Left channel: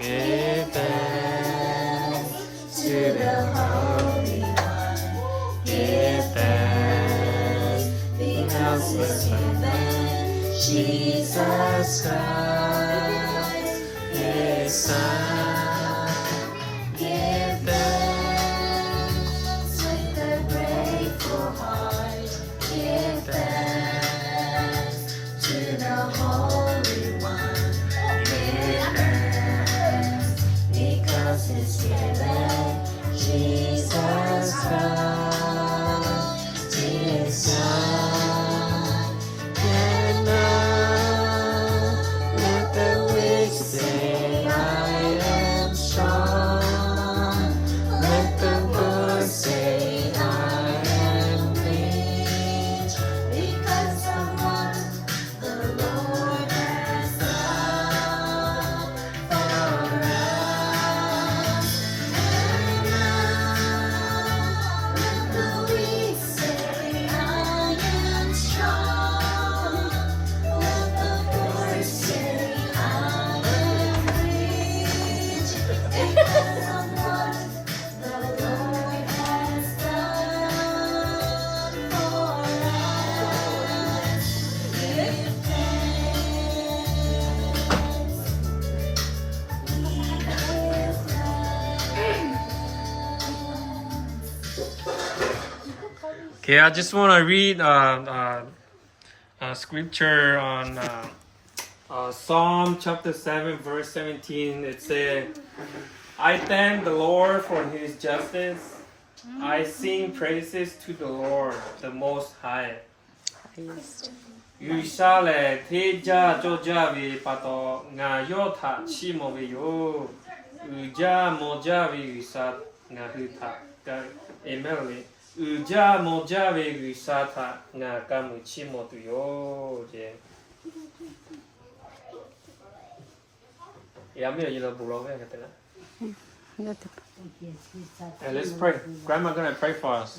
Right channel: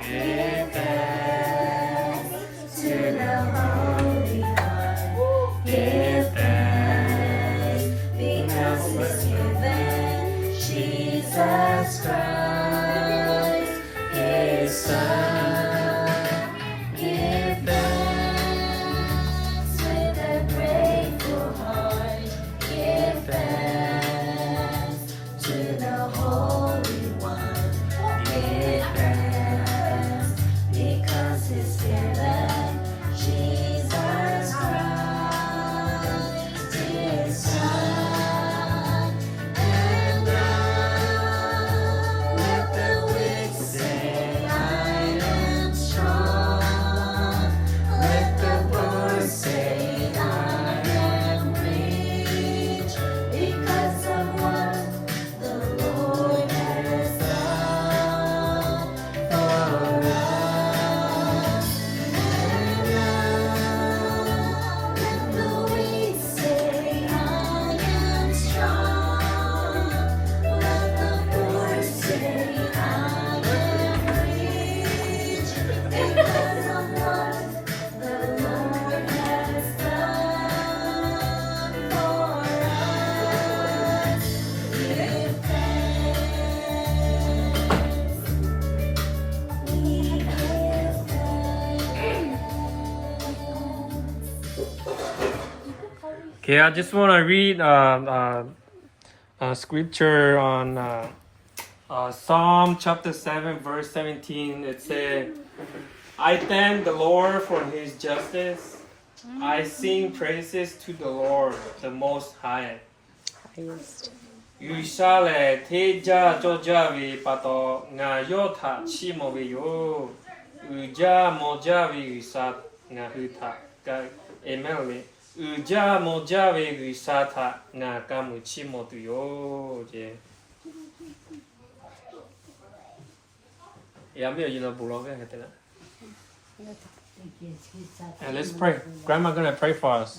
Give thanks to the Holy One. Give thanks because He's given Jesus Christ, His Son. Give thanks with a grateful heart. Give thanks to the Holy One. Give thanks because He's given Jesus Christ, His Son. And now let the weak say, I am strong. Let the poor say, I am rich, because of what the Lord has done for us. And now let the weak say, I am strong. Let the poor say, I am rich, because of what the Lord has done for us. Give Okay, I just want to read scripture on Psalm chapter 7, verse 17. It says, I thank the Lord for His justice. I sing praises to the Lord, the Most High. highest. 유샬레 대자 조자위 빠도 nga 요타 치모비요 의자 모자위 의사 nga 흐타 가 에멜리 의자 모자위 의사타 nga 까무 치모도요 제 야미요 이거 불러게 했잖아. Hey, let's pray. Grandma gonna pray for us.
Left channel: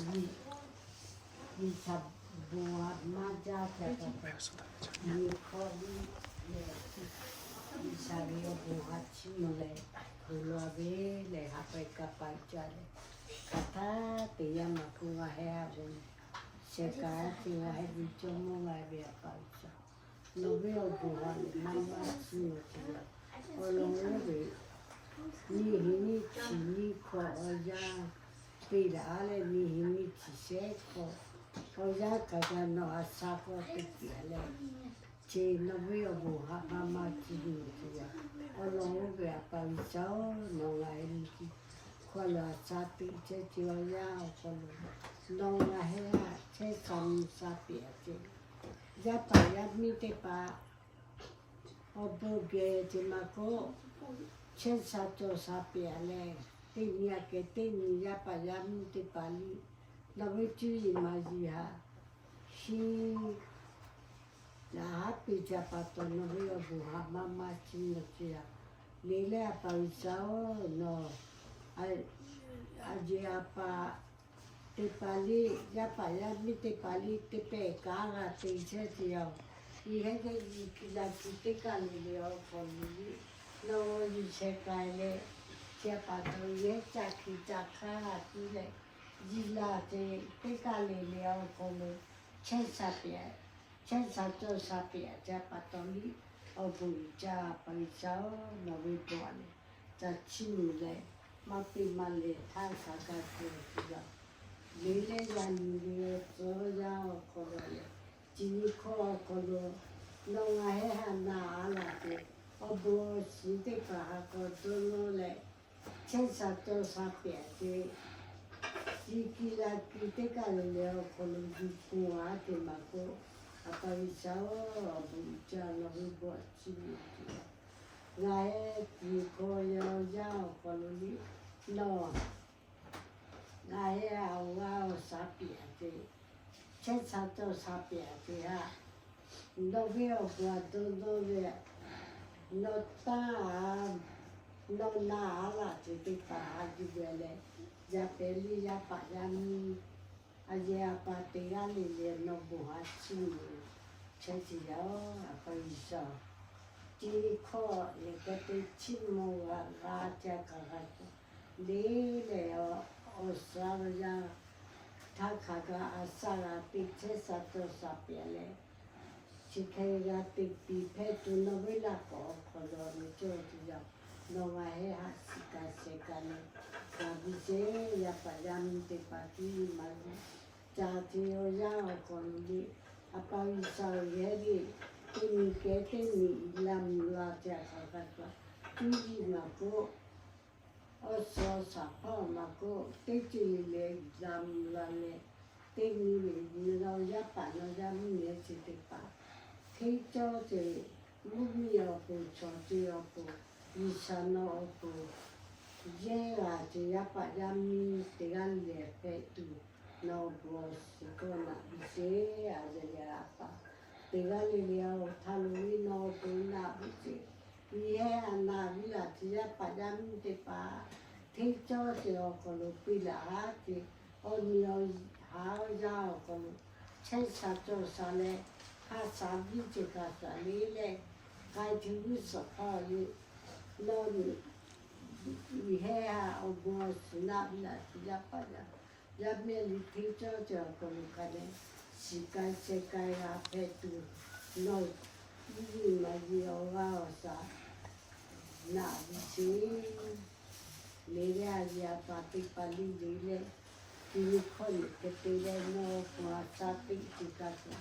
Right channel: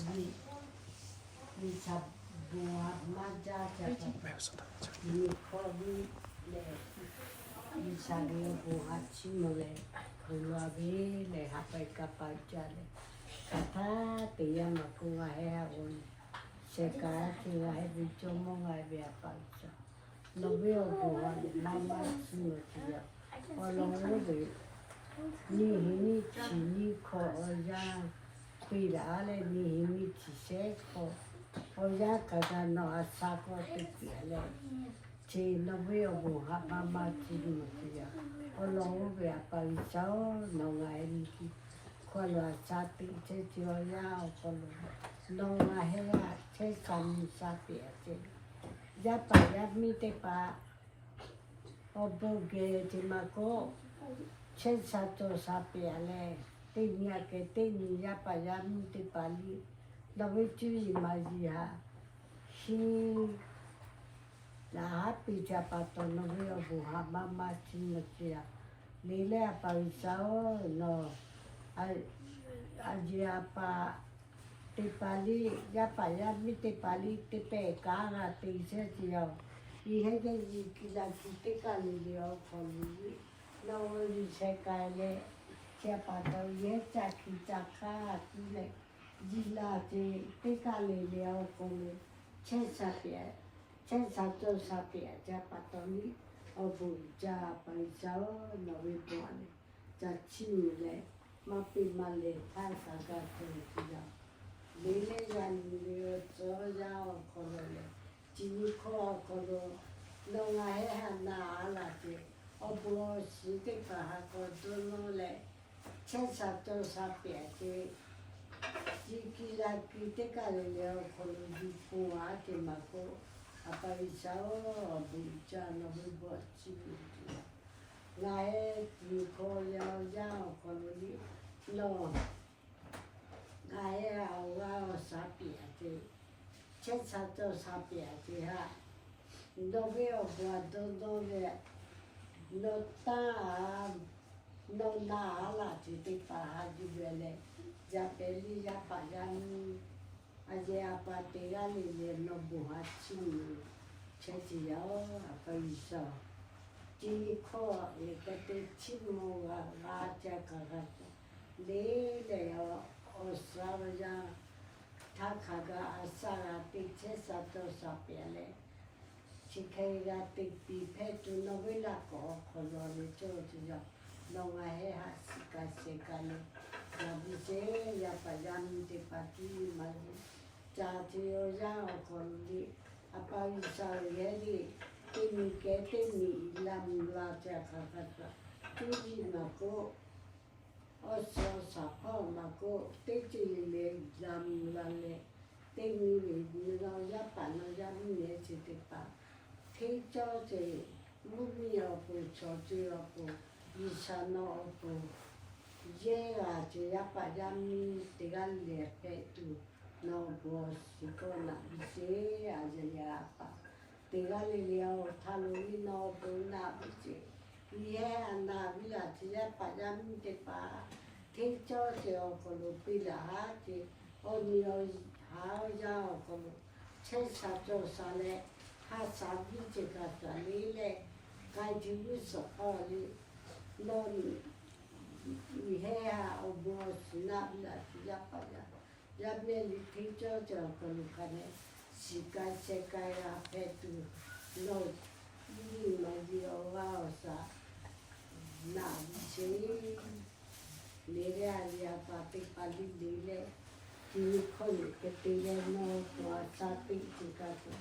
Ni hini chini ko oya pira ale ni hini chise ko oya kada no asako piti ale che no veo bo ha mama chini ya olo ve apa isao no ngai ni ko lo asati che che oya o ko no ngai ha che kam sapi che ya pa ya mi te pa oboge te mako C'è stato sapere, te mia che te mi ha pagato te pali, dove tu immagina, si la happy ciapato non vedo buha, mamma ci sia, lei ha parisao, no, oggi ha pa te pali, ya pagato te pali, te peccaga, te dice io, e che la città che le ho con lui. No dice che sia fatto ieri che giacca le gilate te cale le ho come c'è sapere c'è stato sapere già fatto lì ho pure già pensato non mi buone già cile ma prima le tanca che le gli ho già con le ci con non è una ala Obo si te pahato dono le c'è stato sapere che chi la critica le con il cuore ma con apparisao bucciano di bocci la è più coglio già con lì no la è a sapere che c'è stato sapere che dove ho guardato dove non ha la tipica di belle già pelli già pagani a parte le non buhacci c'è sia a paese จีข้อนี่ก็ได้ชิมโมงาจากะกัดเละแล้วอสาวยาถ้าขากาอาสาติเชสัตสาเปียเลชิเคยาติปีเพตุนเวลาก็ขอรอในโจทย์ยานมาเฮหาสิกาเสกันนาบิเจยาปยามติปากีมันจาติโอยาคนดีอปาวิสาวเยรีที่มีเกติมีลำลาจากขากาที่จีนักก็อสอสัพพะนักก็ที่จีเลลำลาเลที่มีเรายาปานยามีเนสิติปาที่เจ้าจีมุมีอปุชอจีอปุวิชานอปุเย่าจียาปายามีติกันเลเปตุนอบัวสิโกนาบิเซอาเจยาปาติกันเลวทาลุวินอปุนาบิเซเย่านาวิลาจียาปายามีติปาที่เจ้าจีอคนลุปิลาจีโอนิโอหายาคนเช่นสัจจสาเลข้าสาวิจิตรสาลีเลใครที่รู้สักข้อนี้โน่นมีแห่เอาบัวสนับหลักยับไปละยับเมียนที่เจ้าเจ้าคนกันเนี่ยสิกายเสกายอาเพตุโน่นยิ่งมาเดียวว่าสาหน้าดิเชเลเรียยาปฏิปันดีเลที่คนที่เลโน่ตัวสาติจิกาตุ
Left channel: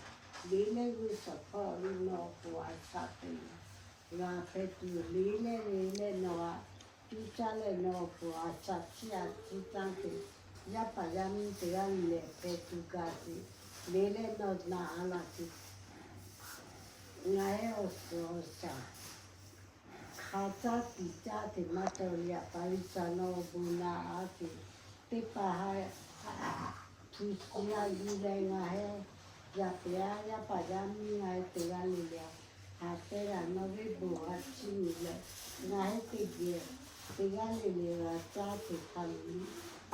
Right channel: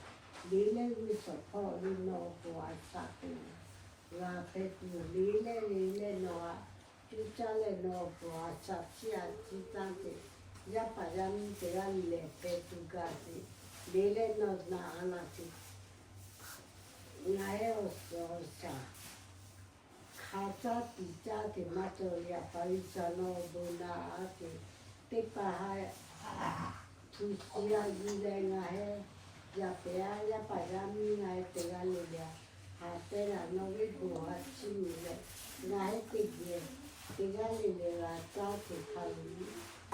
ลีเลวิสขอลีโนตัวสาติลาเพตุลีเลโนที่จะเลโนตัวสัตย์ที่ตั้งที่ยาปยามิเตกันเลเพตุกาติลีเลโนนาอานาตินายอสอสาข้าจะติจาติมาเตอลียปริสานอบุนาอาติติปะหายทุสยาลีเลงาเฮยาเปียยาปายามีไงเตียลิเลียหาเตระนวิบุหัดชิมิเลไงติเดียเตียลิเลียจ้าติคัน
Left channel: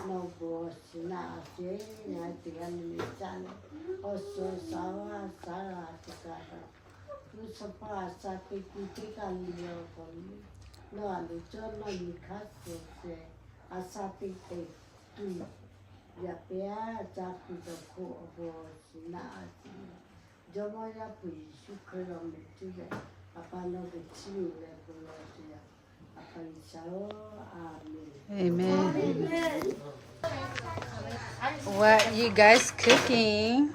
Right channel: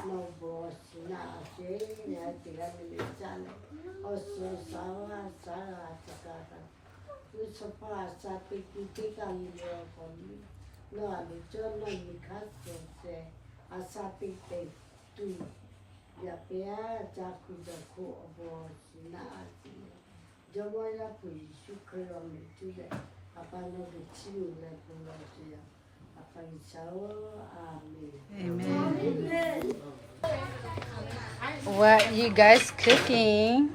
นบุสินาเจไงเตียลิเลียจ้าเลอสสาวาสาราติกาคันทุสภาสัตติกิติกาลิเลียคนนี้นอลิจอนมันมีคัสเซอาสัตติเตตุยาเปียจากคุจคุอบอสินาสิจอมายาปุยสุขรมิตุเลอาปานอกชิมิเลปุโลเตียอาปาอิสาโออาเมน Amen. What you guys cooking?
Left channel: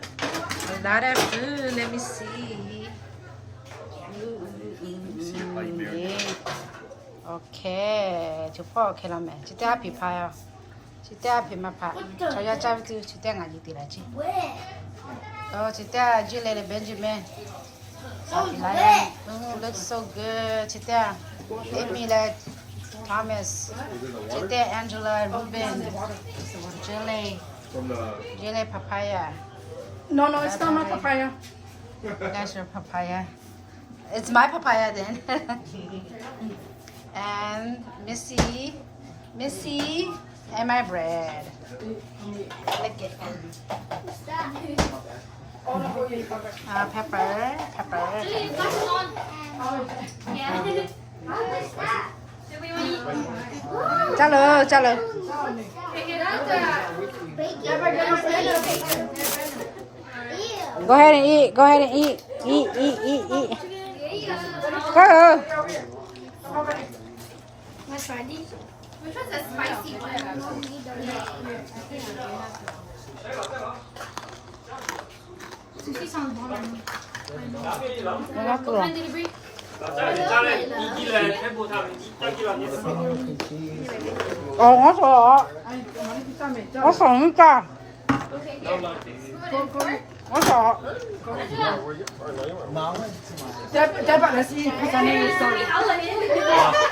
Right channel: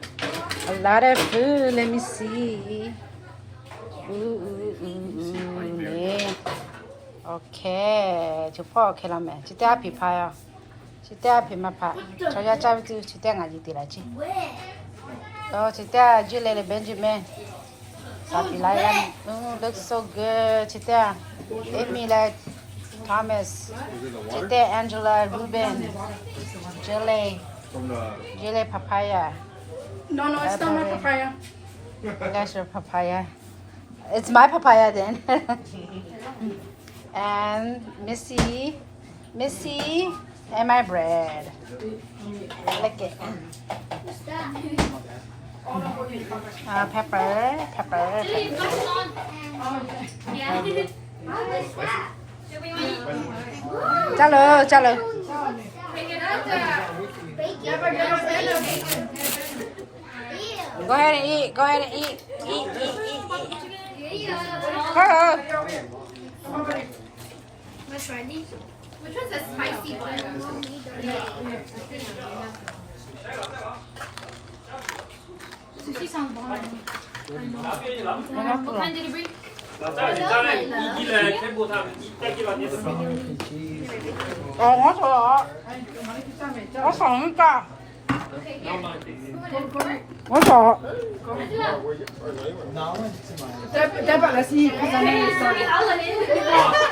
A lot of food. Let me see. 네. 오케이. 저 포 켈라메. 지대 앞이 봐요. 지대 앞이 마파. 저야 잡지 지대 가지 되라지. 지대 줄레레 벤지맨. 사필라야. Looks so good. 지대. 에밀라 Thomas. 지대 Angela Ruben. Jelly papaya. No, it's not my papaya. That's your papaya. It's my papaya then. And Missy, and my bread. Lick it. Pepper. Chalo. Go ahead and eat. Eat. Go. Which one's the spicy one? Sushi sounds bomb. When did you bring? Dapat lah sih kesana sorry.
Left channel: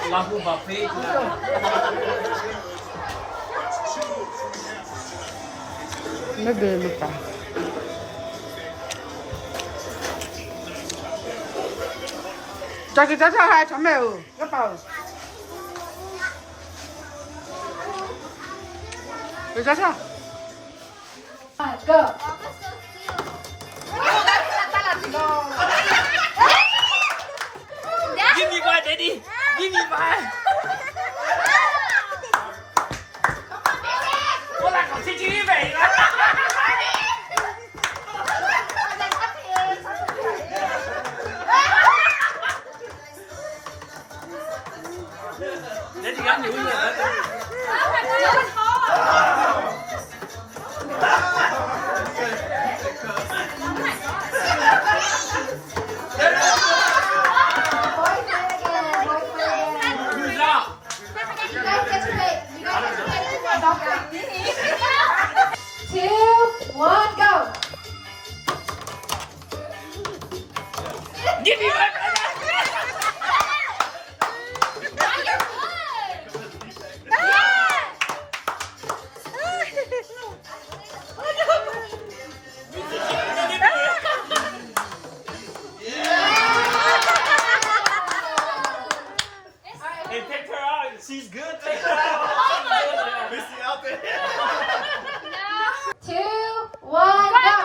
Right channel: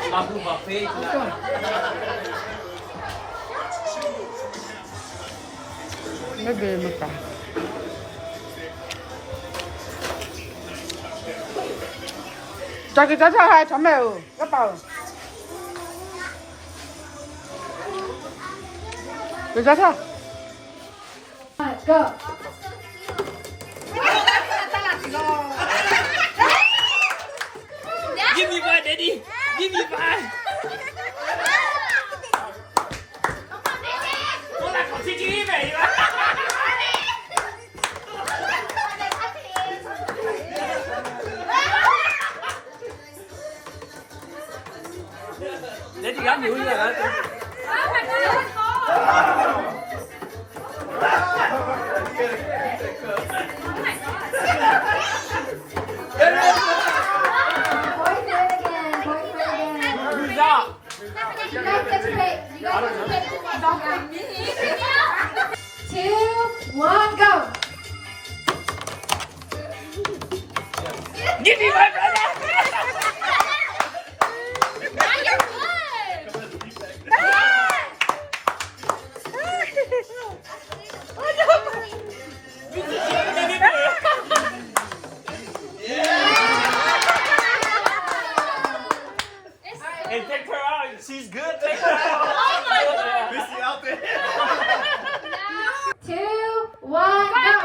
Lahu buffet lupa. Kita hai chomel, cái bầu. Kita sao? Go. Give me Who's up? You guys get to play. You guys get to play. Don't like me. 2, 1, go. Give me that. Hey, take her out. She's good. Take her out. Missy out there. 2, 1, go.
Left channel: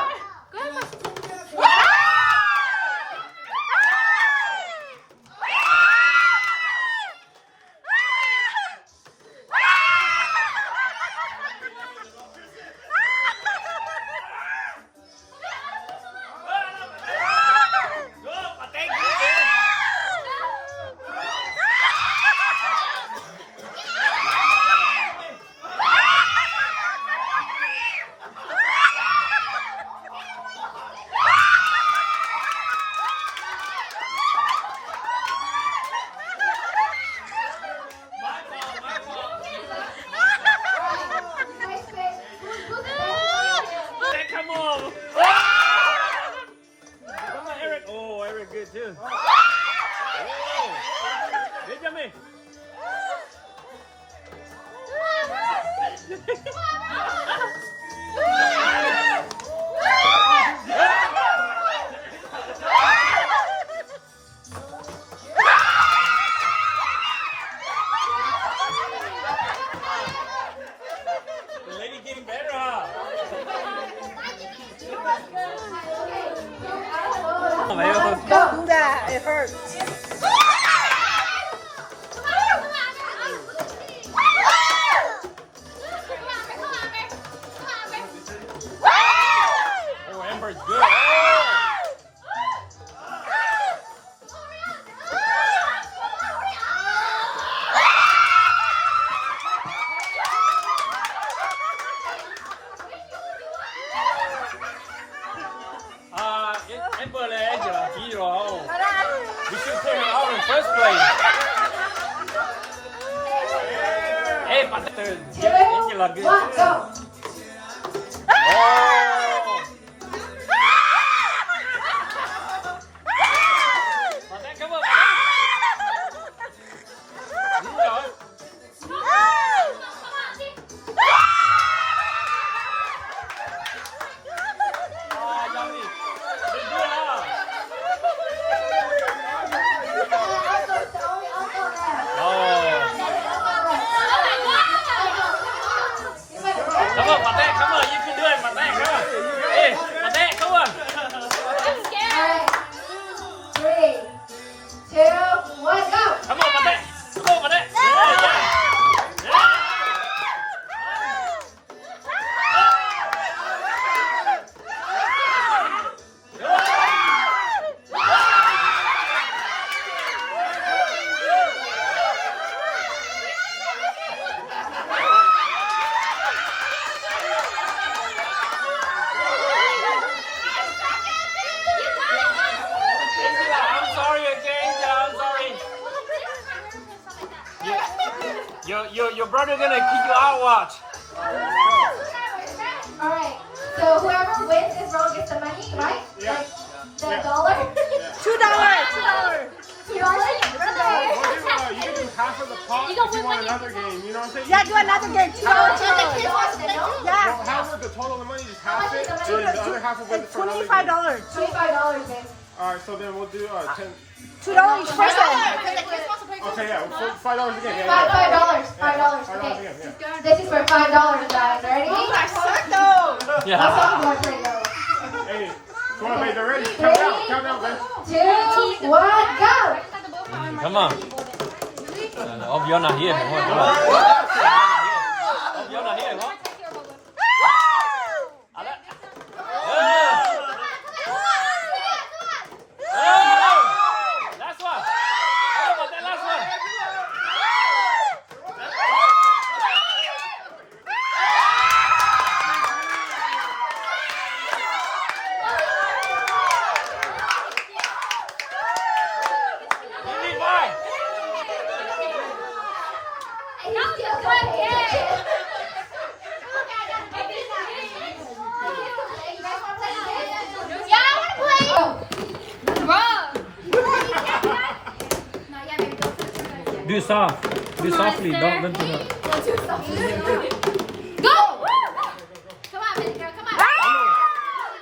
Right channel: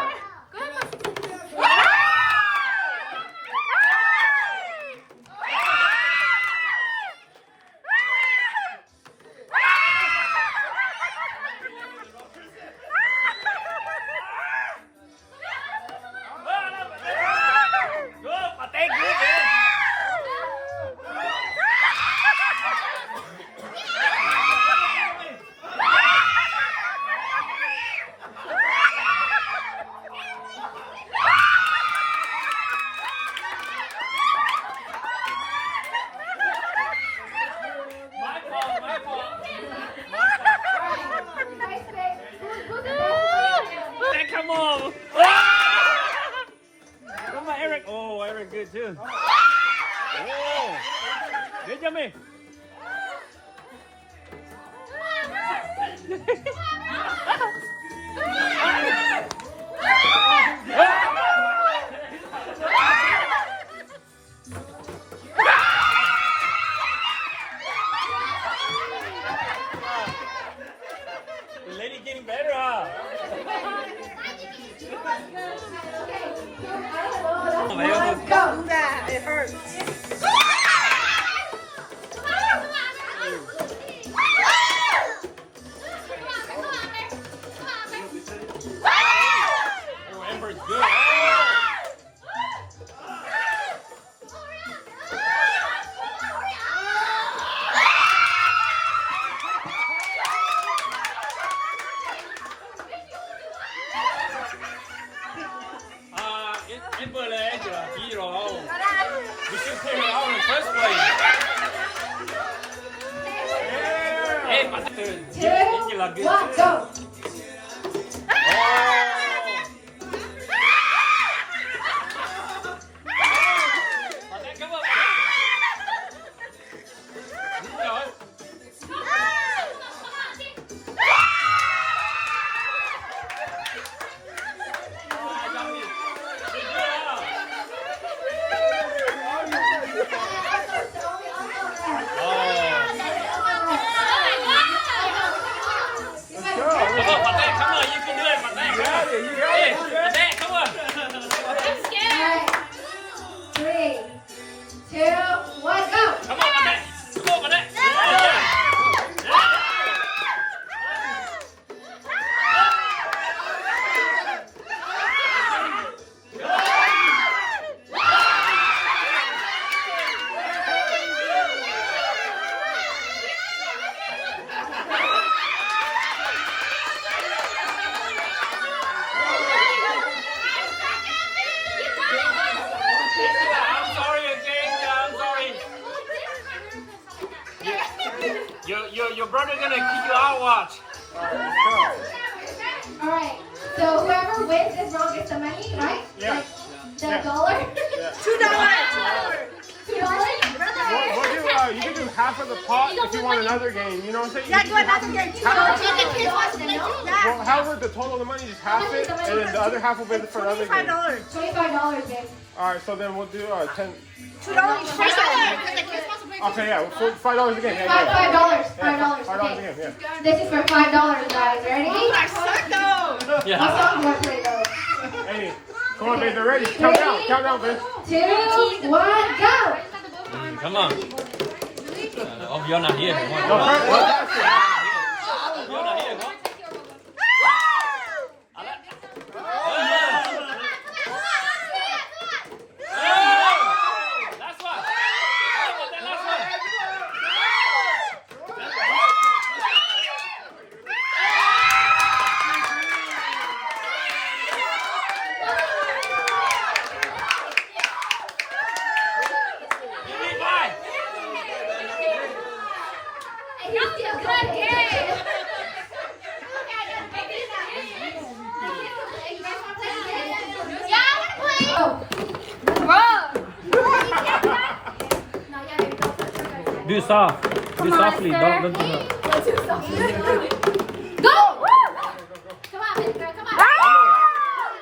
Come on. Come on, Eric. Oh, Eric good too. Oh. Benjamin. The lady getting better, huh? Don't do that. It hurts. Oh, Amber's good. Amber là Angela chỉ rồi. We should take her out in the first place. Hey, but Angela good. 1, go. Your brother gonna kick you out, watch. Alright, so whoever wins this round gets the money, right? Yeah. The dollar? $2. $2? You can do half of the pot if you want another game. You know what I'm saying? Yeah, do another game. $2. Yeah. Well, however, the total of the money, just half it, and then the other half will be for another game. $25. $25, babe. Alright, so then we'll do 10. $2 first one. Okay, yeah, $5 again. Yeah, $5, $5 $5. Okay. again, yeah. This is for $5, guys. Ready? Yeah. Let's all more play though. Hey, come on, babe, they're ready. Count down, babe. 2, 1, go! Come on. Oh, you're not here. You're not here. That's Do soft. Do softly. Don't do that. Go! Come on, Miss Girl, come on.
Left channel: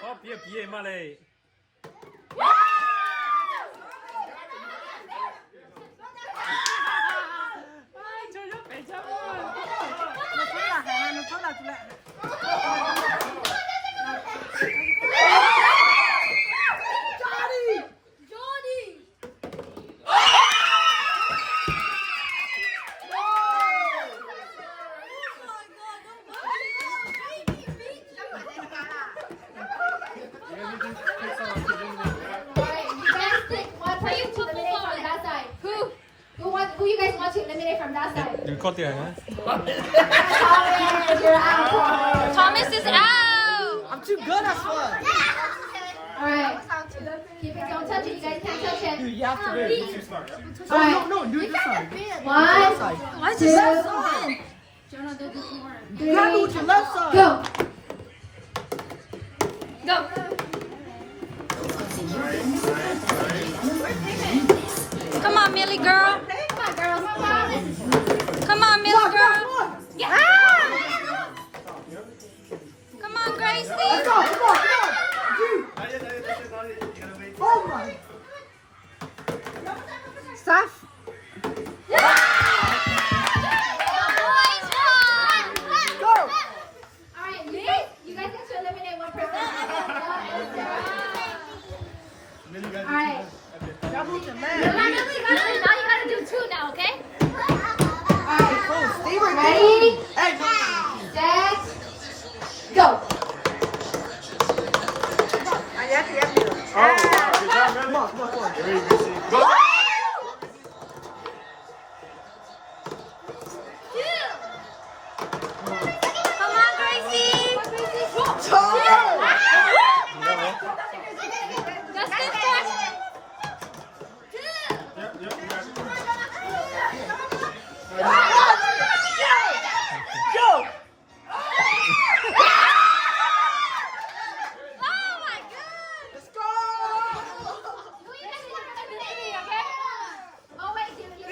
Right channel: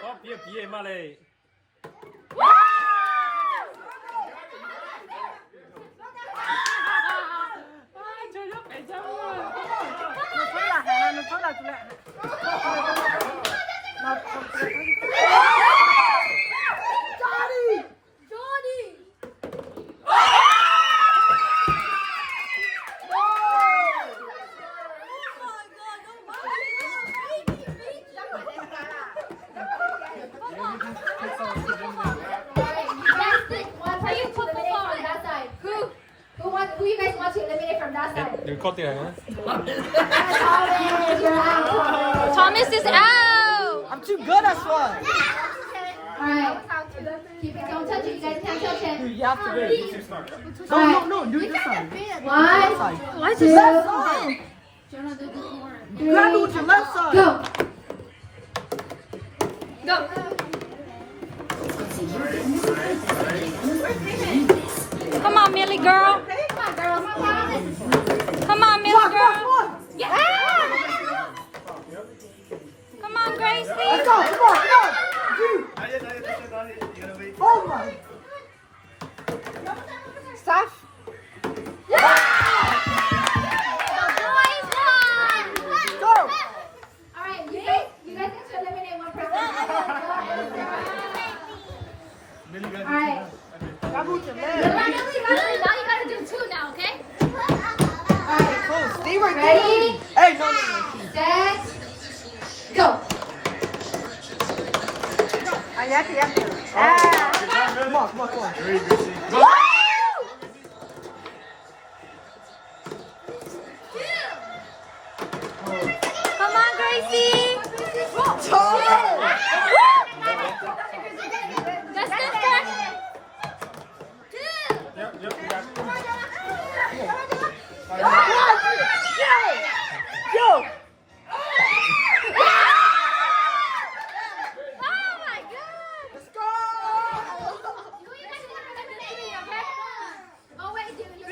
พ่อเพี้ยมาเลย nó phát là lại. Who you guys want to eliminate from that side? You cut it, huh? Thomas is out. I'm too good at fun. Alright. Keep it. Don't touch it. You guys can't touch it. You have to do it. Alright. No, do it this side. One. Why is it left side? Jonah, do this more. You gotta do it your left side. Go. Go. Come on, Millie girl. Come on, girls. Come on, Millie girl. Yeah. Come on, Gracie. Let's go, come on, come on. Dude. Oh my. Steph. Alright, you guys get to eliminate one person. Alright. Now you gotta do two now, okay? Stay right Ready? Hey, Set. Go. Come on, Gracie.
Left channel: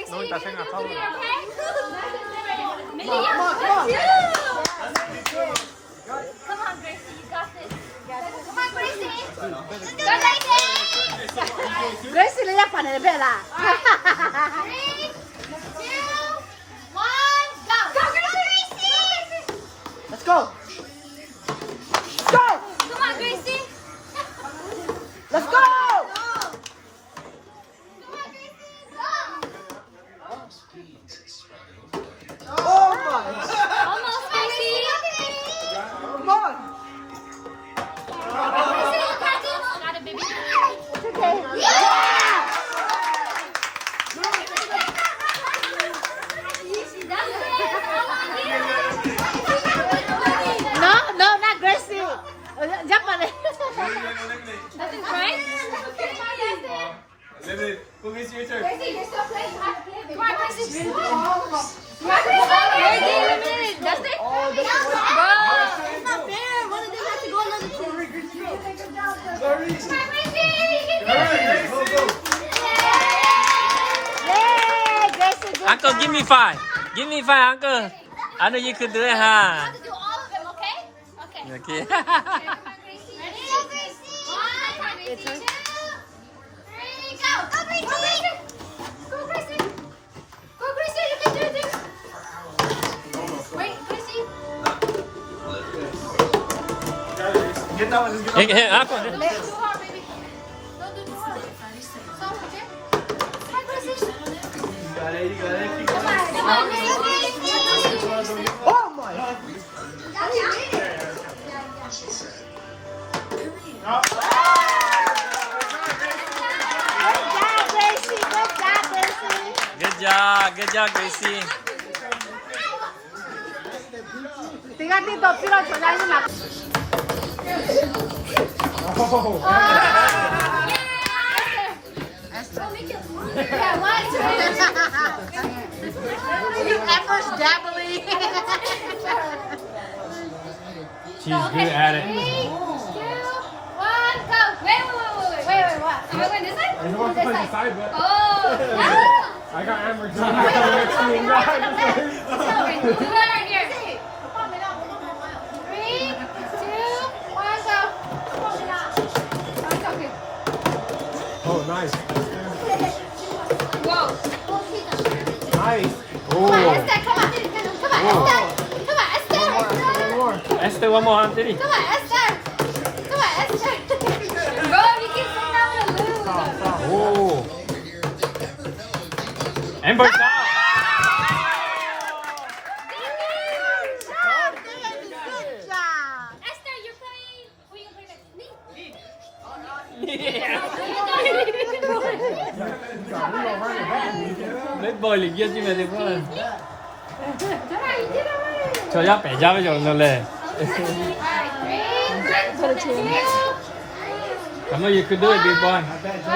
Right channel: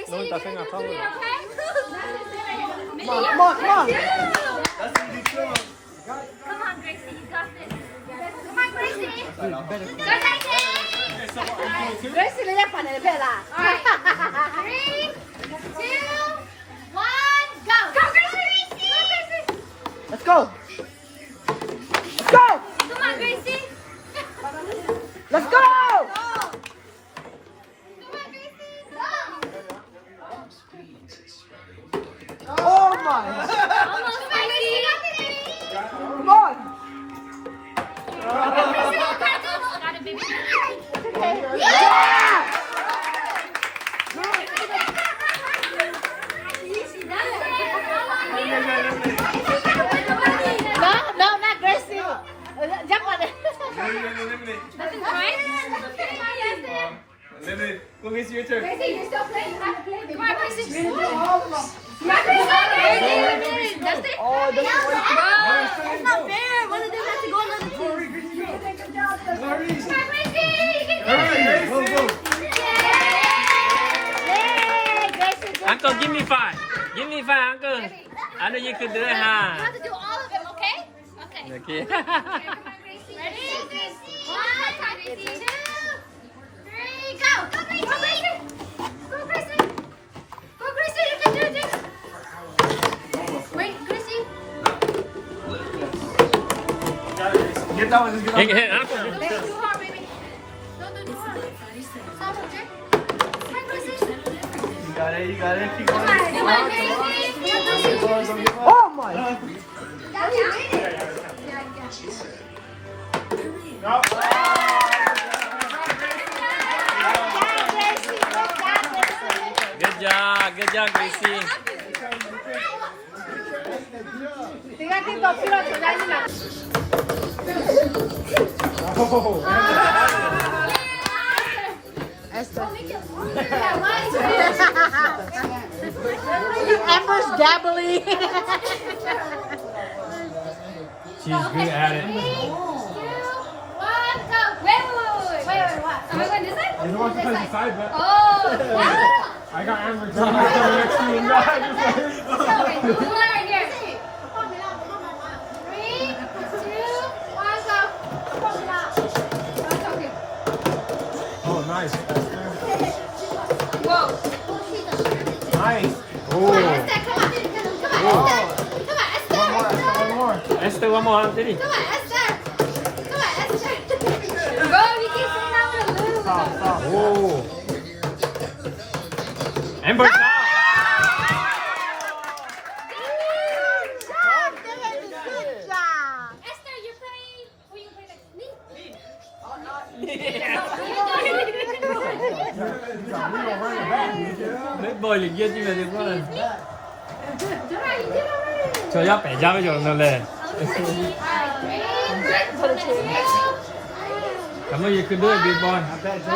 No, está haciendo favor. Gracie le llama para el vela. 3, 2, 1, go. Go, Gracie. Let's go. Come on, Gracie. Let's go. Oh my. Almost, Gracie. Come on. No, not Gracie. Jump on it. Eliminate. Who gets your turn? Gracie, you're still playing. You have to play. Come on, Gracie. You have to play. That's it. It's not fair. What did they have to go another Uncle, give me 5. Give me 5, Uncle. I know you could do it, You huh? have to do all of them, okay? Okay. Okay. Ready? 1, 2, 3, go! Go, Gracie! Go, Gracie! Go, Gracie! You can do this! Wait, Gracie! Get that one. Just get Hey, hey, Uncle. Don't do too hard, baby. Don't do too hard. Stop, okay? Hi, Gracie! You got it. You got it. Keep going. Come on, Gracie! Oh my. Good job, Gracie. Ember's dabbly. She's good at it. 3, 2, 1, go! Wait, what? Am I going this way? You want to play the side bet? Oh! I got Amazon next to me. Do it right here. 3, 2, 1, go. Okay. Oh, nice. Whoa. Nice. Come on, Esther, come on. Come on, Esther. Come on, Esther. One more. Esther, one more, Anthony. Come on, Esther. Come on, Esther. Bro, you keep saying I'm gonna lose. Oh. Amber, stop. Esther, you're playing. Who are you gonna play next? Me? Mấy bơi liền kia chứ mày đi qua. Alright, you did already. Cho giáp bẻ giáp với cho nó lên. Come on, you can do it, big boy. I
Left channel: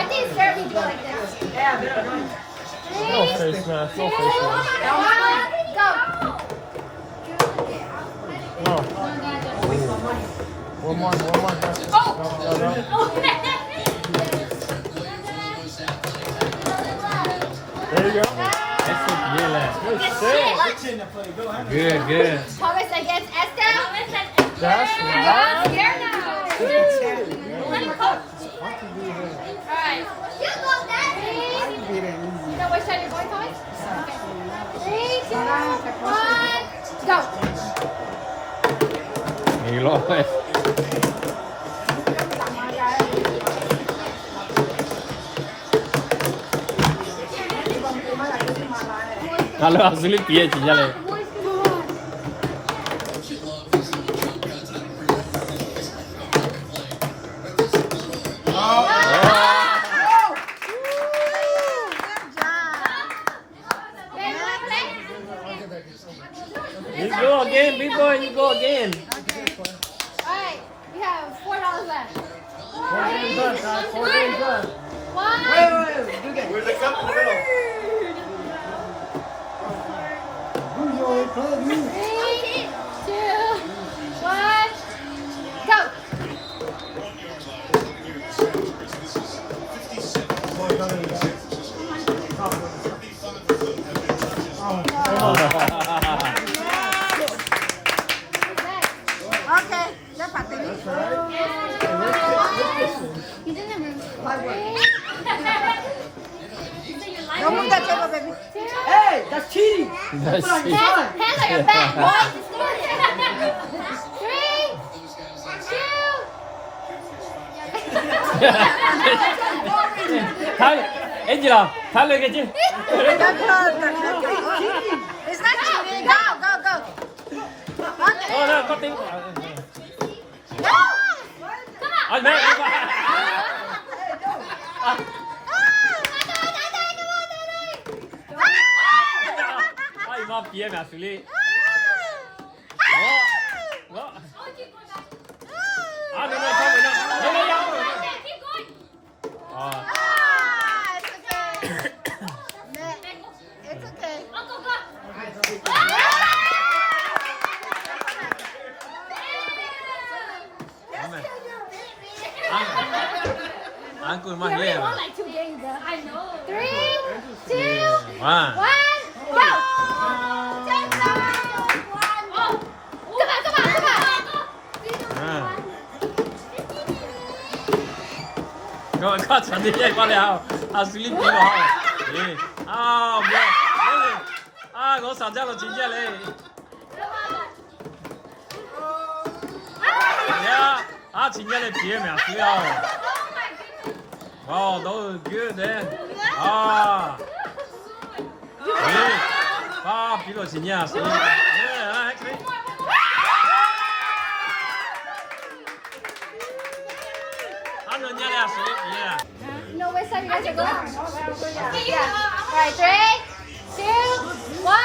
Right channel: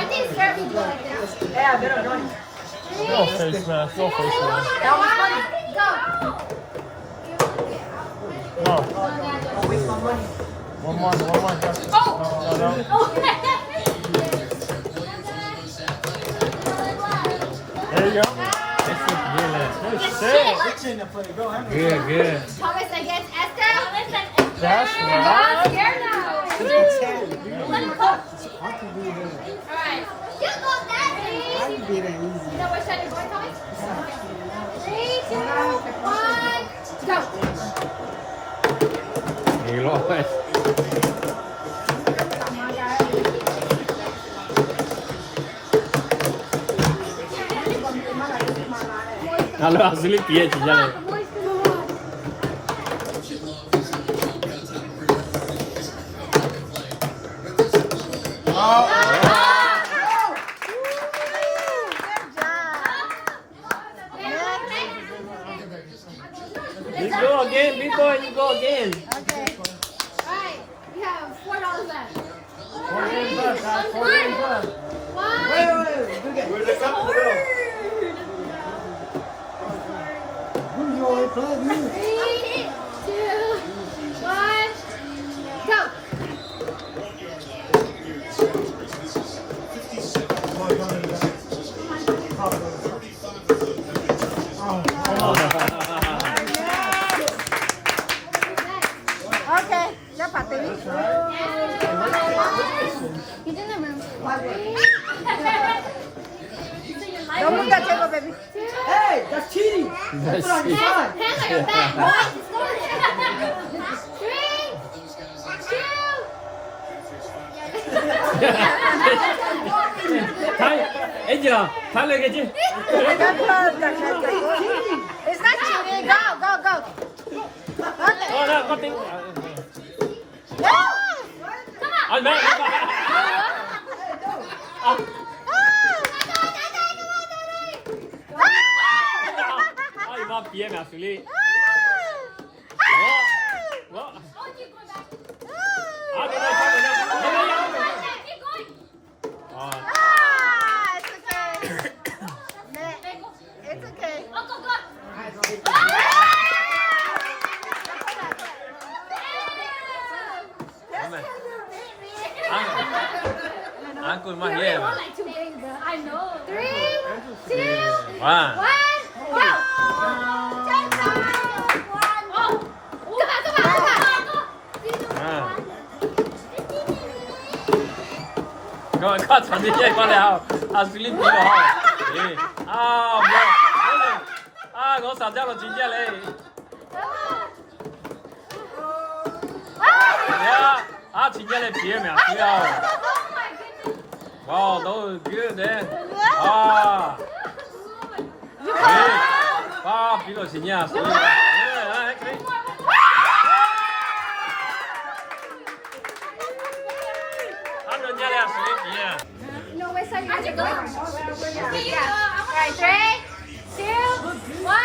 think Sarah can do it like that. Yeah, better do it. 3, 2, 1, go. There you go. Good, good. Thomas against Esther. Yes. I'm scared now. Alright. You know what side you're going, Thomas? 3, 2, 1, go. Nghỉ lỗi. Kalau asli dia je jalan. You go again, big boy. You go again. Alright, we have $4 left. One. Where's the cup in the middle? 3, 2, 1, go. Okay, cho phạt tí. You didn't remember. Don't move that table, baby. Hey, that's cheating. That's it. Hands on your back, boy. 3, 2. Thay, Angela, thay lên cái chứ. Good, good, good, good. It's not cheating. Go, go, go. Okay. Có tiếng. Go. Anh mẹ. Ai mà bia mà xử lý. Oh, keep going back. À, đây đây, đây đây. Keep going. It's okay. It's okay. Oh, go, go. Anh cũng We mang already nghe. won like 2 games, but I know. 3, 2, 1, À. go. Take time. Oh. Come on, come on, come on. Rồi, có chuẩn bị con nào. À, xử lý cái nào. Đi. À, bữa. À, có sản ra có chính ra lên. Yeah. À, chính ra lên bia mà xíu. Wow, that was good, man. Ah. Hey. Ah, 이거 진짜. No, wait, so you're going. Alright, 3, 2, 1.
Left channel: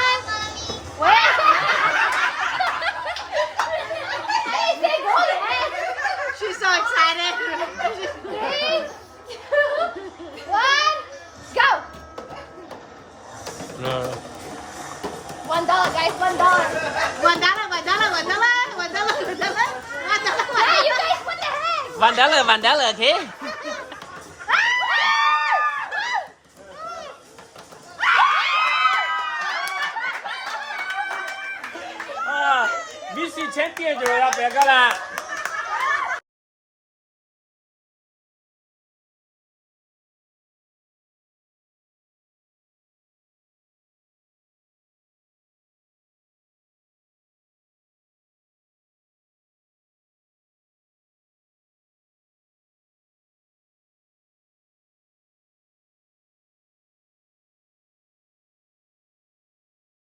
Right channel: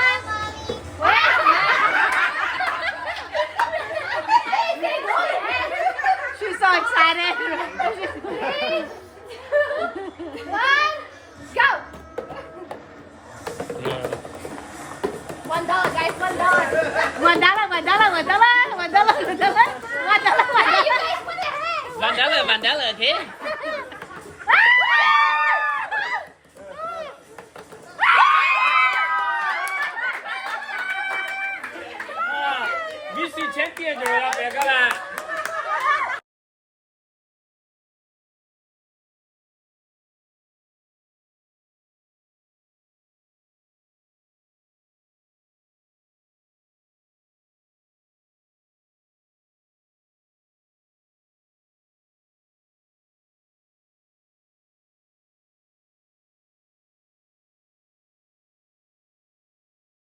She's so excited. 3, 2, 1, go. $1, guys, $1. Hey, you guys put it ahead. $1 thế. 你钱跌着了，别个了。